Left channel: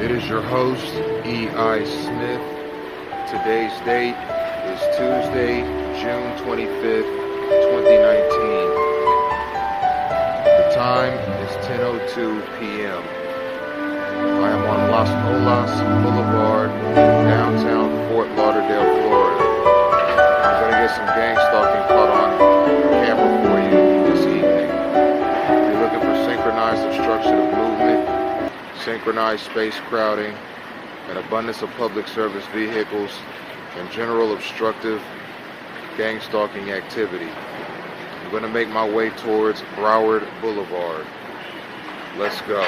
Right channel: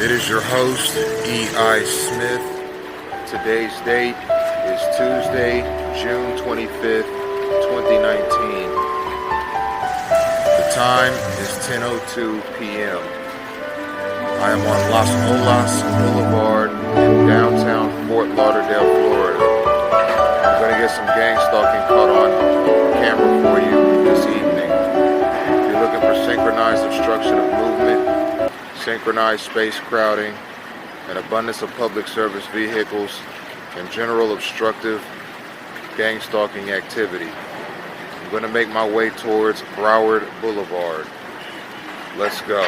It is your host, E.I. Smith. Today's date is Tuesday, June 25th, 2019. The time is 10:02 p.m. I am on Las Olas Boulevard in downtown Fort Lauderdale, Florida. I'm going to get some gang stalking caught on camera for you this evening. If you're looking for synchronized obstruction of movement, synchronized space crowding, an abundance of public service vehicles, and general obstructive gang stalking activity, I'm going to make my way towards Broward Boulevard. Let's go.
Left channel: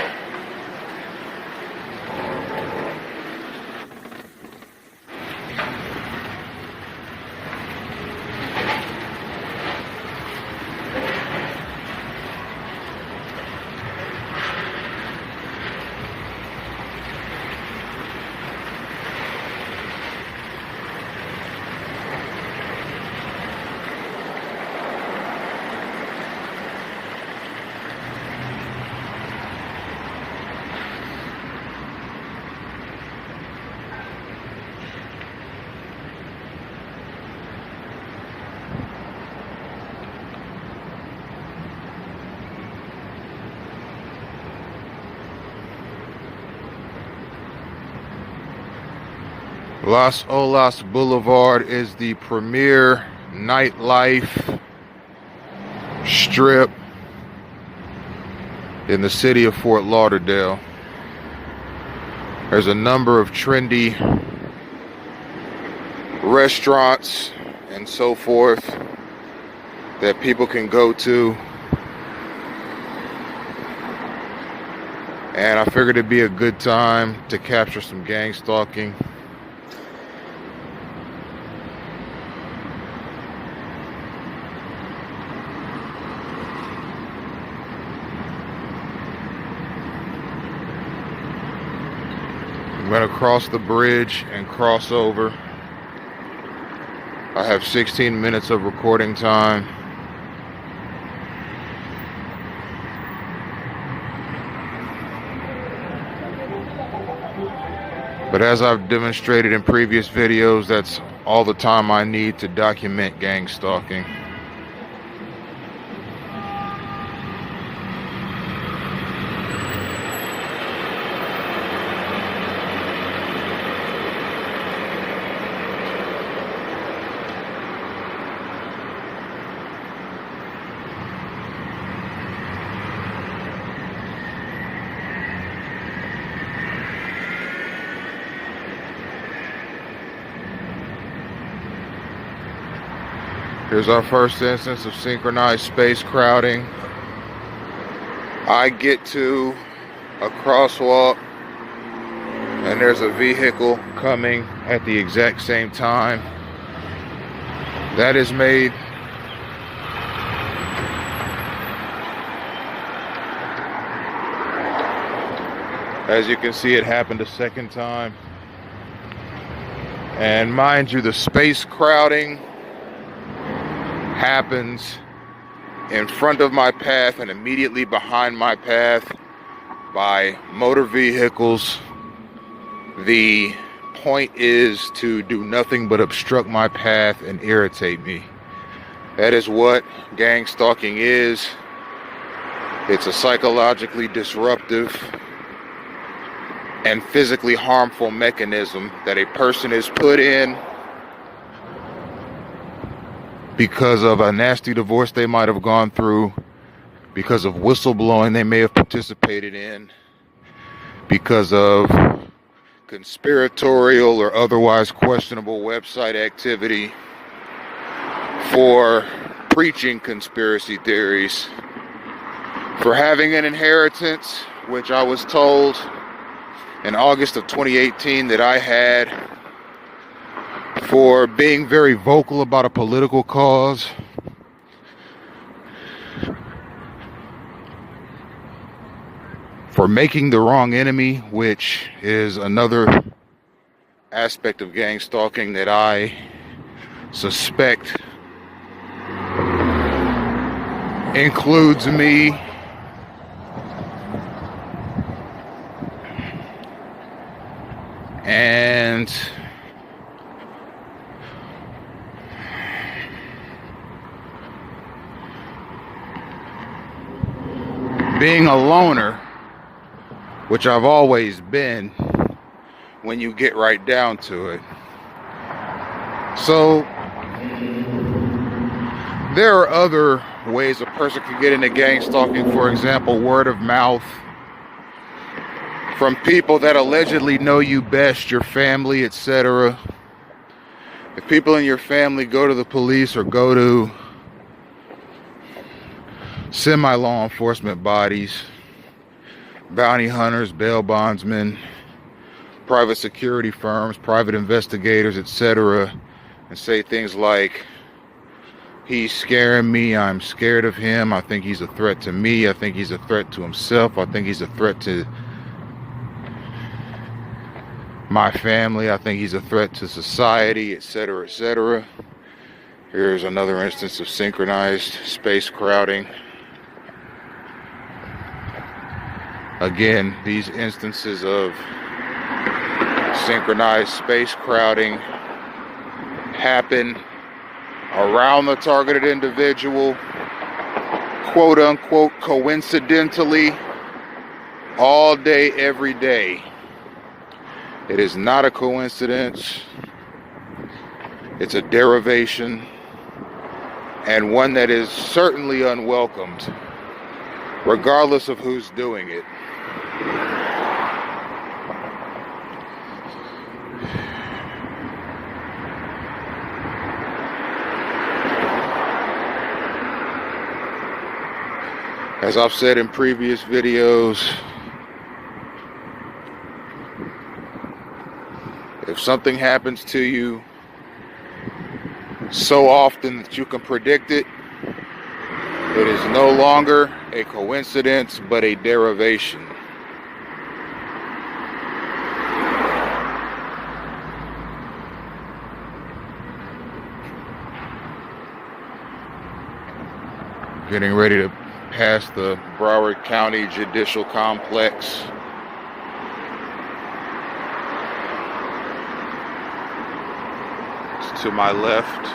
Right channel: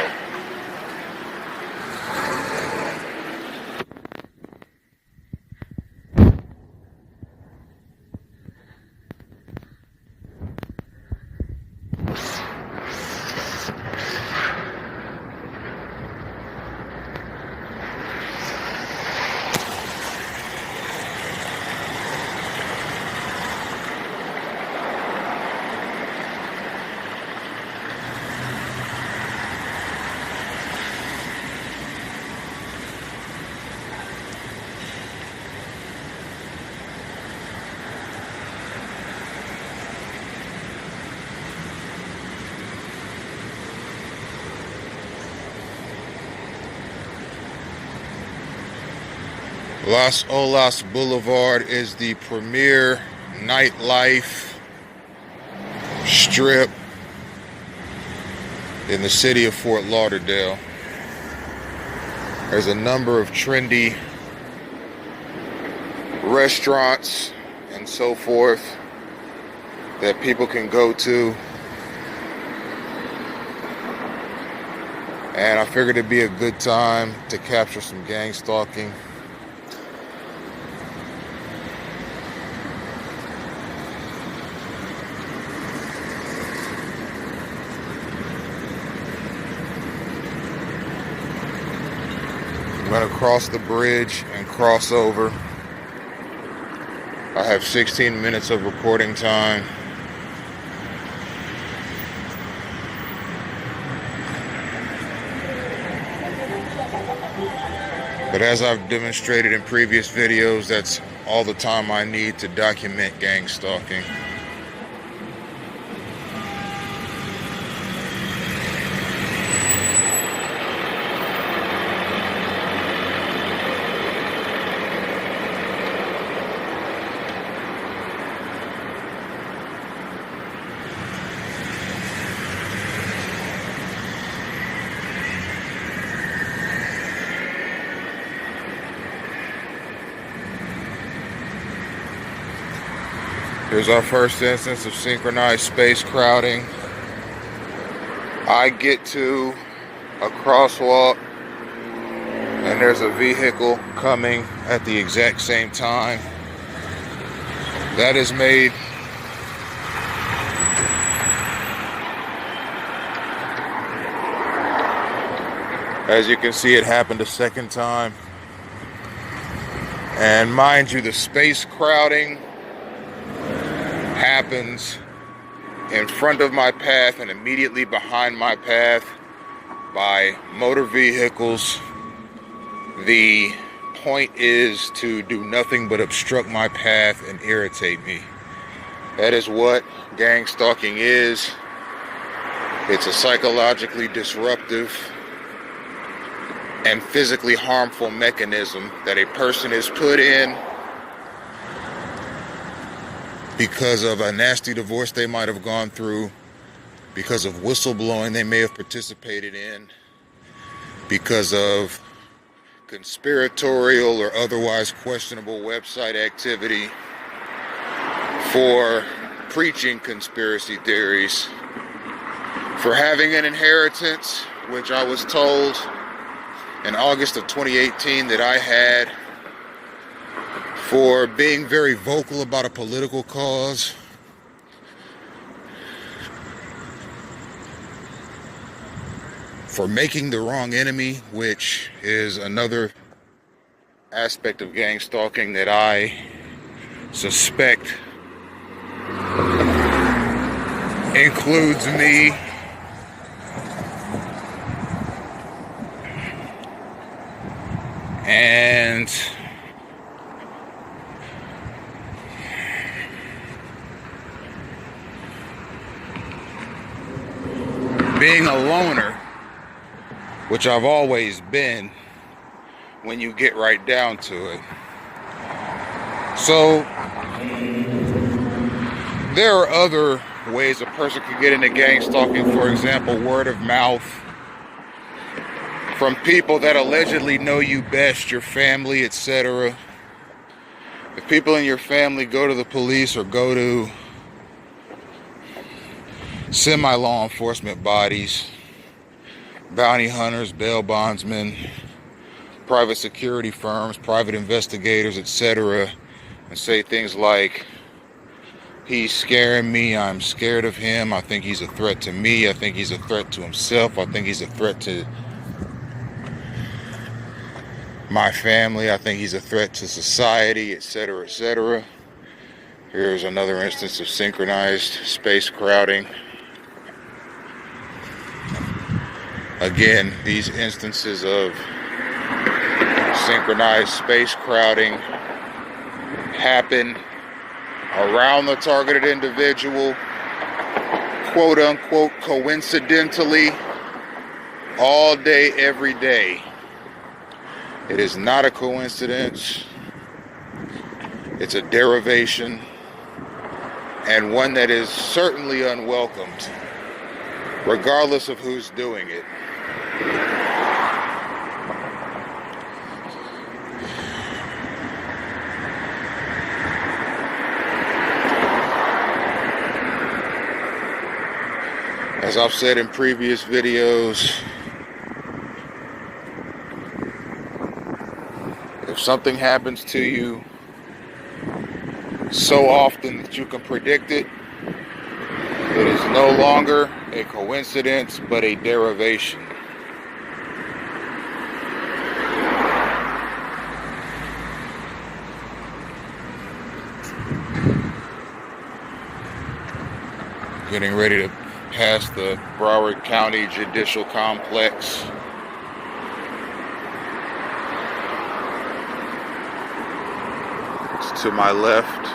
Las Olas Boulevard is the premier nightlife strip in the city of Fort Lauderdale. There's a number of trendy restaurants and so forth that people can go to. And I figured it'd be a good time to capture some gang stalking. I'm going to cross the bridge and cross over. I have 16 minutes of recording time. But as I've demonstrated in previous videos, that's all the time I need to document gang stalking. Here's our first instance of synchronized space crowding. I get to a crosswalk and there's a vehicle coming at the exact same time. That is made as you can see, it happened a second time. And mind you, the space crowding happens in front of my path and immediately behind my path by motor vehicles. The point is to do nothing but obstruct my path and irritate me. That is what gang stalking is. It's a psychologically disruptive and physically harmful mechanism that a person is put in because of a nasty divorce they might have gone through, because of whistleblowing they may have participated in, because of conspiratorial or otherwise questionable website activity, for preaching conspiracy theories, for having an inheritance, which I was told in August of 2018 that I had, for being very vocal about a political cause, for making the wrong enemy, which is another aspect of gang stalking that I suspect includes me. And being a loner, which I've always been when you get right down to it. So there are other ways a person can get into gang stalking. For example, word of mouth from people that allegedly know you best, your family, etc. If people in your family go to the police or go to semi-law enforcement bodies, bounty hunters, bail bondsmen, private security firms, private investigators, etc., and say things like, he's scaring me, I'm scared of him, I think he's a threat to me, I think he's a threat to himself, I think he's a threat to my family, I think he's a threat to society, etc., etc. Here's another instance of synchronized space crowding. Again, these instances of synchronized space crowding happen around the targeted individual, quote unquote, coincidentally, all day, every day. It is not a coincidence. It's a derivation, and one that is certainly unwelcomed, regardless of who's doing it. As I've said in previous videos, if something happens to you so often that you can predict it, it is no longer a coincidence, but a derivation. Getting ready to pass the Broward County Judicial Complex. It's to my left.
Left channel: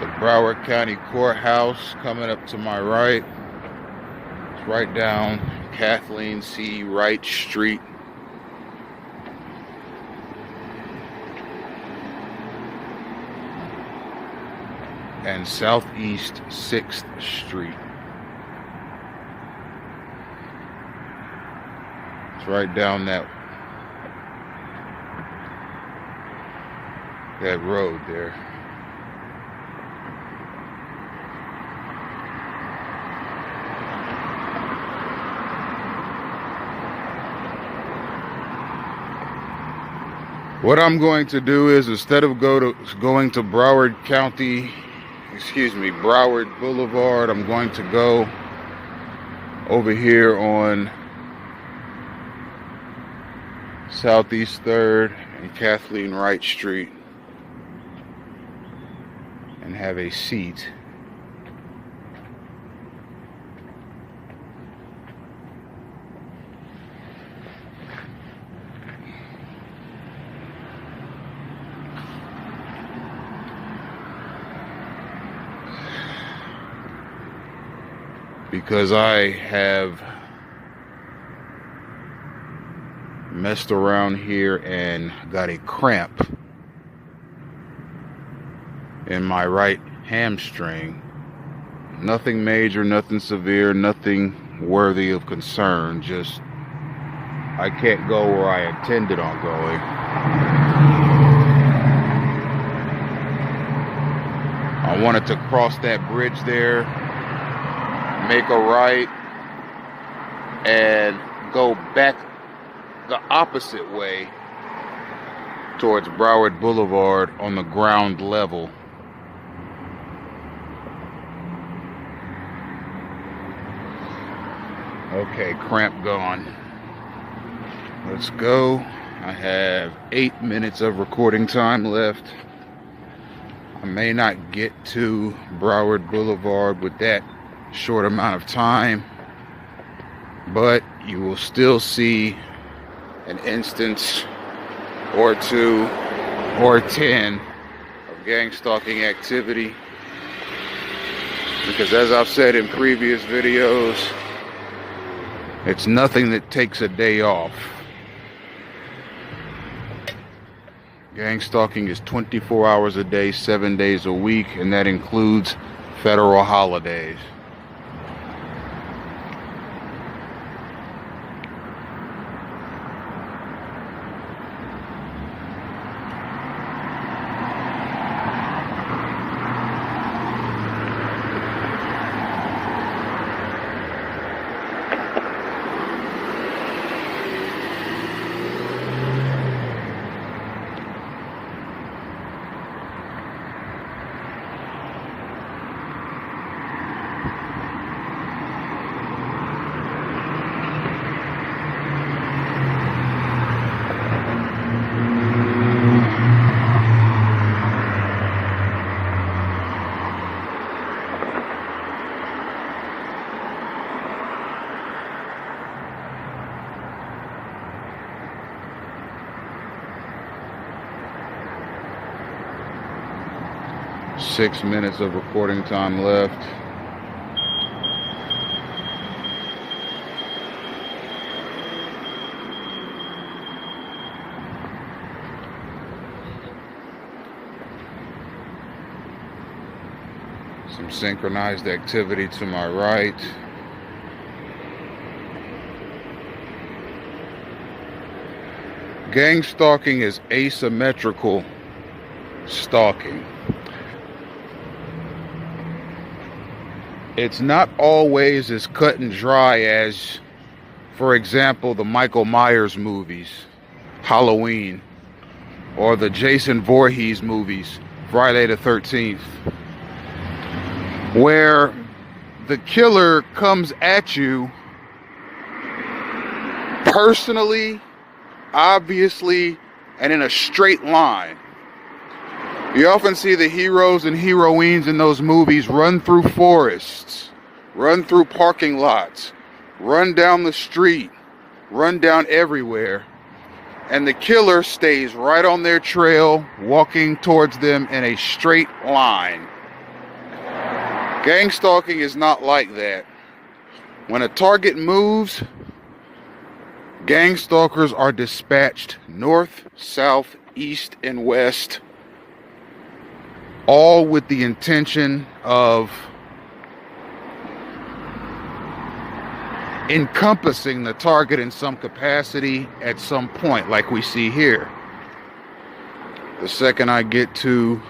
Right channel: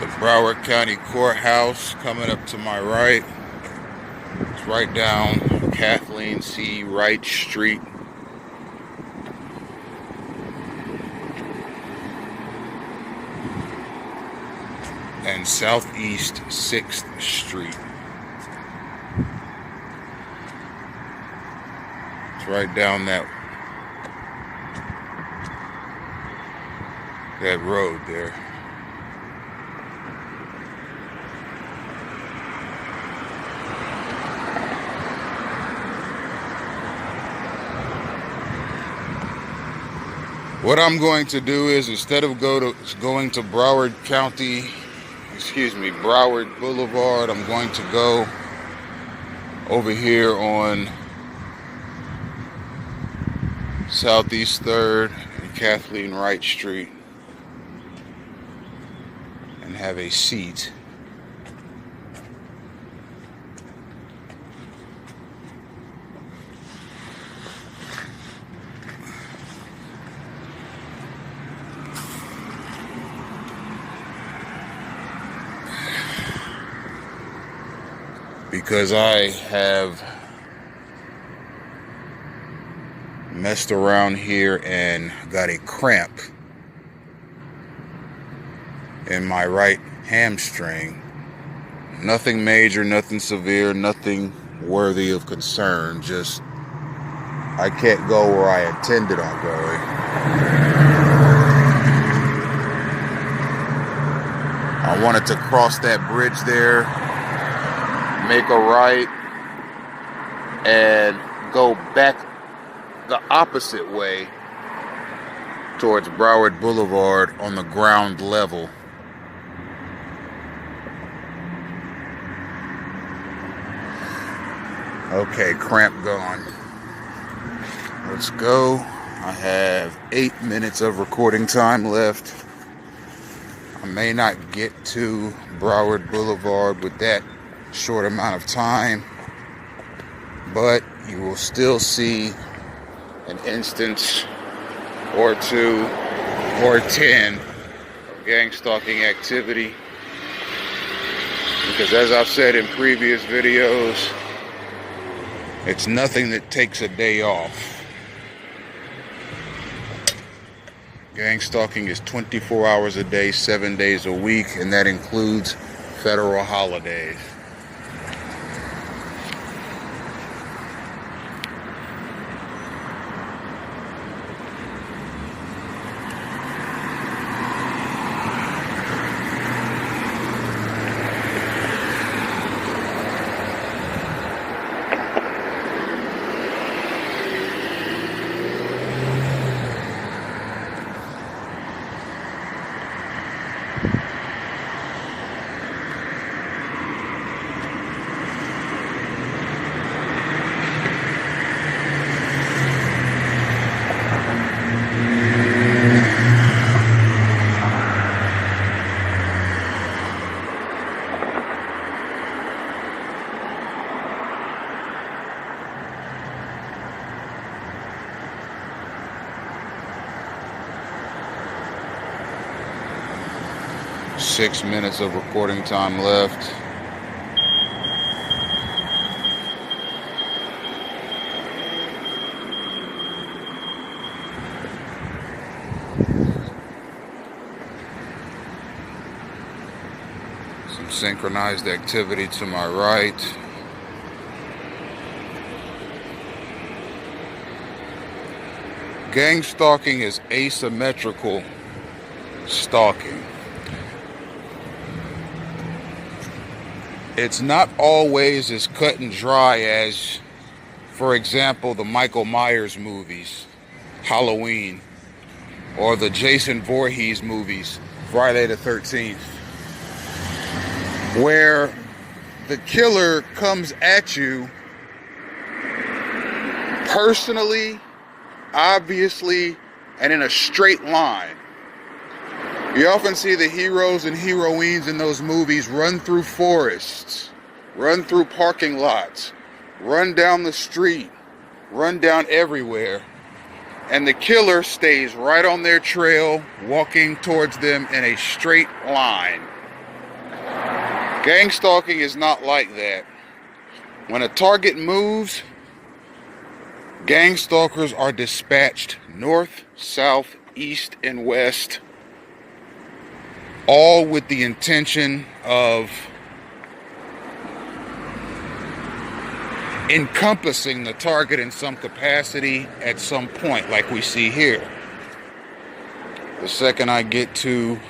The Broward County Courthouse coming up to my right. It's right down Kathleen C. Wright Street. And Southeast 6th Street. It's right down that road there. What I'm going to do is, instead of going to Broward Boulevard, I'm going to go over here on Southeast 3rd and Kathleen Wright Street and have a seat. Because I have Messed around here and got a cramp in my right hamstring. Nothing major, nothing severe, nothing worthy of concern. Just I can't go where I intended on going. I wanted to cross that bridge there, make a right, and go back the opposite way towards Broward Boulevard on the ground level. Okay, cramp gone. Let's go. I have 8 minutes of recording time left. I may not get to Broward Boulevard with that short amount of time, but you will still see an instance or 2 or 10 of gang stalking activity, because as I've said in previous videos, it's nothing that takes a day off. Gang stalking is 24 hours a day, 7 days a week, and that includes federal holidays. 6 minutes of recording time left. Some synchronized activity to my right. Gang stalking is asymmetrical stalking. It's not always as cut and dry as, for example, the Michael Myers movies, Halloween, or the Jason Voorhees movies, Friday the 13th, where the killer comes at you personally, obviously, and in a straight line. You often see the heroes and heroines in those movies run through forests, run through parking lots, run down the street, run down everywhere, and the killer stays right on their trail, walking towards them in a straight line. Gang stalking is not like that. When a target moves, gang stalkers are dispatched north, south, east, and west, all with the intention of encompassing the target in some capacity at some point, like we see here. The second I get to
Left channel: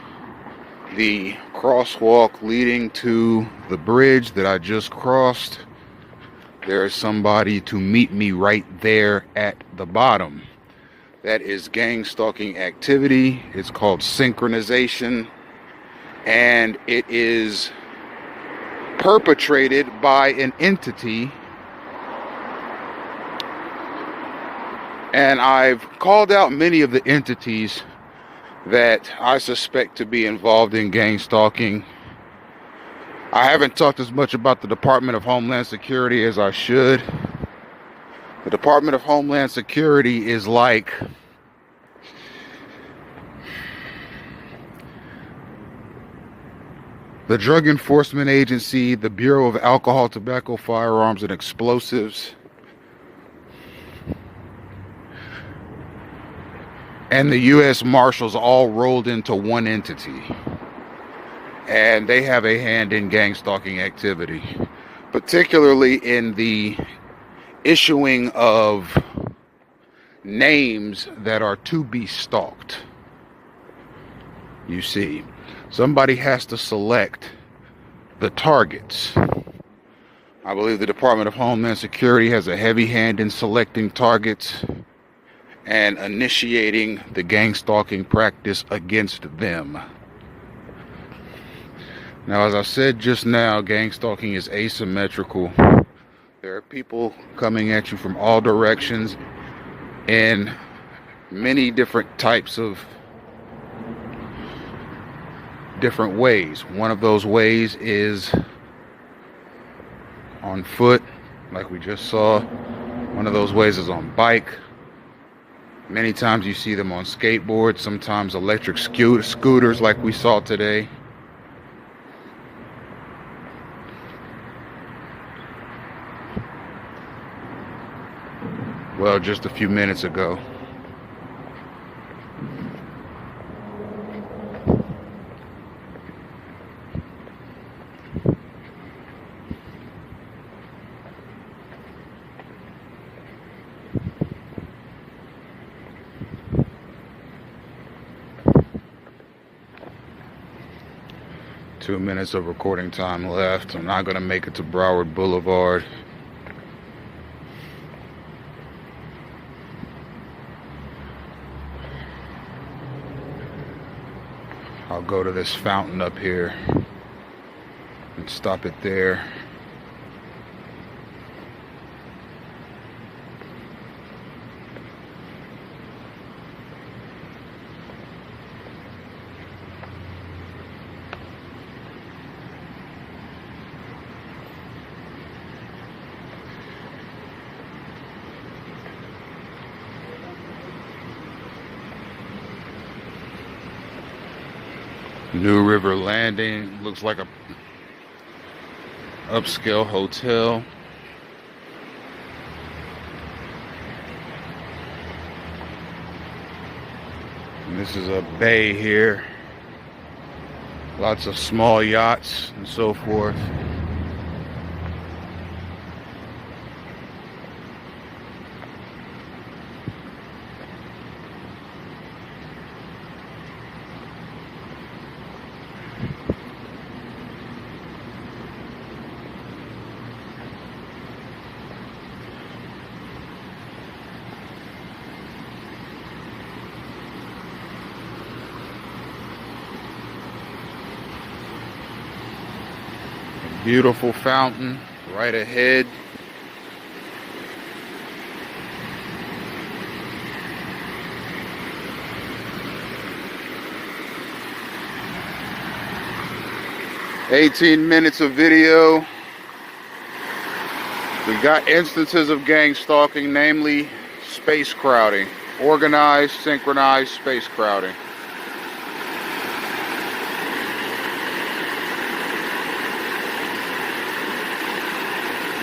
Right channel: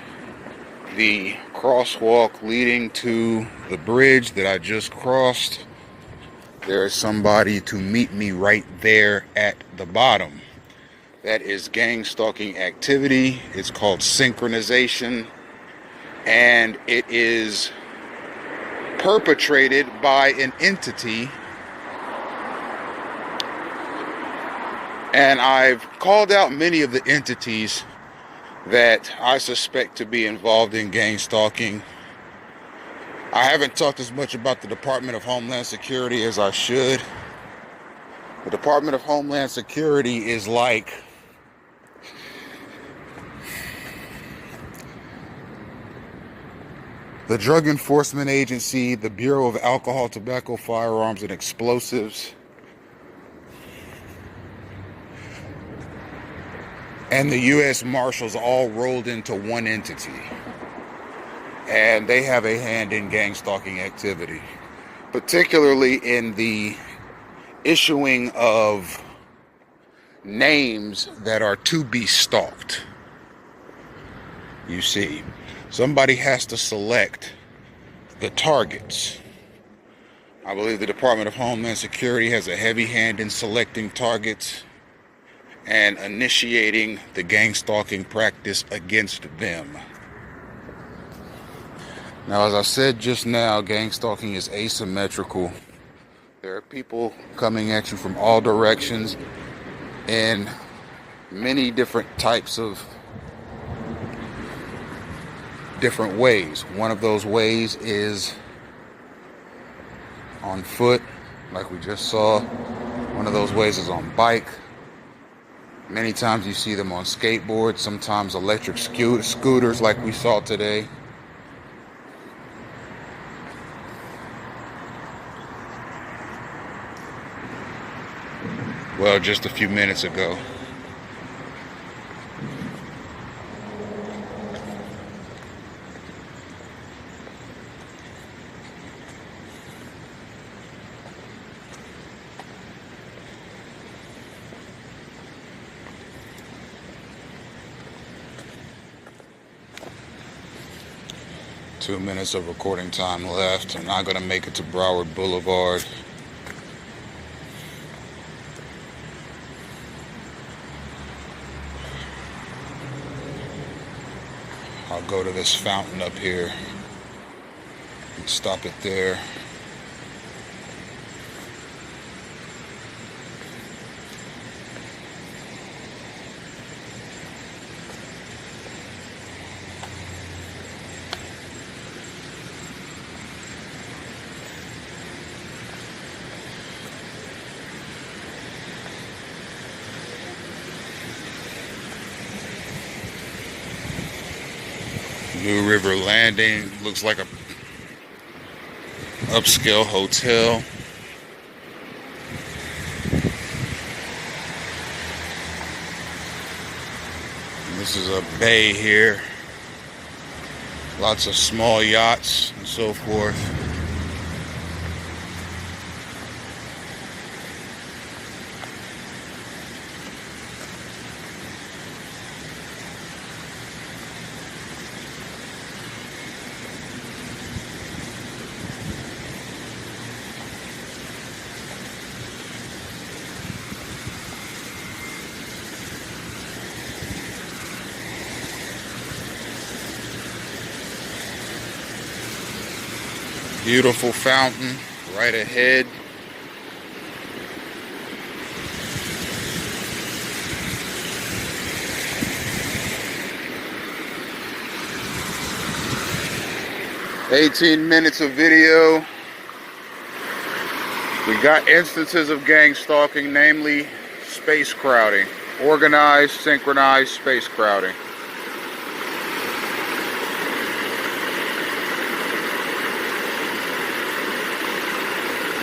the crosswalk leading to the bridge that I just crossed, there is somebody to meet me right there at the bottom. That is gang stalking activity. It's called synchronization, and it is perpetrated by an entity. And I've called out many of the entities that I suspect to be involved in gang stalking. I haven't talked as much about the Department of Homeland Security as I should. The Department of Homeland Security is like the Drug Enforcement Agency, the Bureau of Alcohol, Tobacco, Firearms, and Explosives. and the U.S. Marshals all rolled into one entity. And they have a hand in gang stalking activity, particularly in the issuing of names that are to be stalked. You see, somebody has to select the targets. I believe the Department of Homeland Security has a heavy hand in selecting targets and initiating the gang stalking practice against them. Now, as I said just now, gang stalking is asymmetrical. There are people coming at you from all directions in many different types of different ways. One of those ways is on foot, like we just saw. One of those ways is on bike. Many times you see them on skateboards, sometimes electric scooters like we saw today. Well, just a few minutes ago. Two minutes of recording time left. I'm not going to make it to Broward Boulevard. I'll go to this fountain up here and stop it there. New River Landing looks like a upscale hotel. And this is a bay here. Lots of small yachts and so forth. Beautiful fountain right ahead. "18 minutes of video. We got instances of gang stalking, namely space crowding. Organized, synchronized space crowding.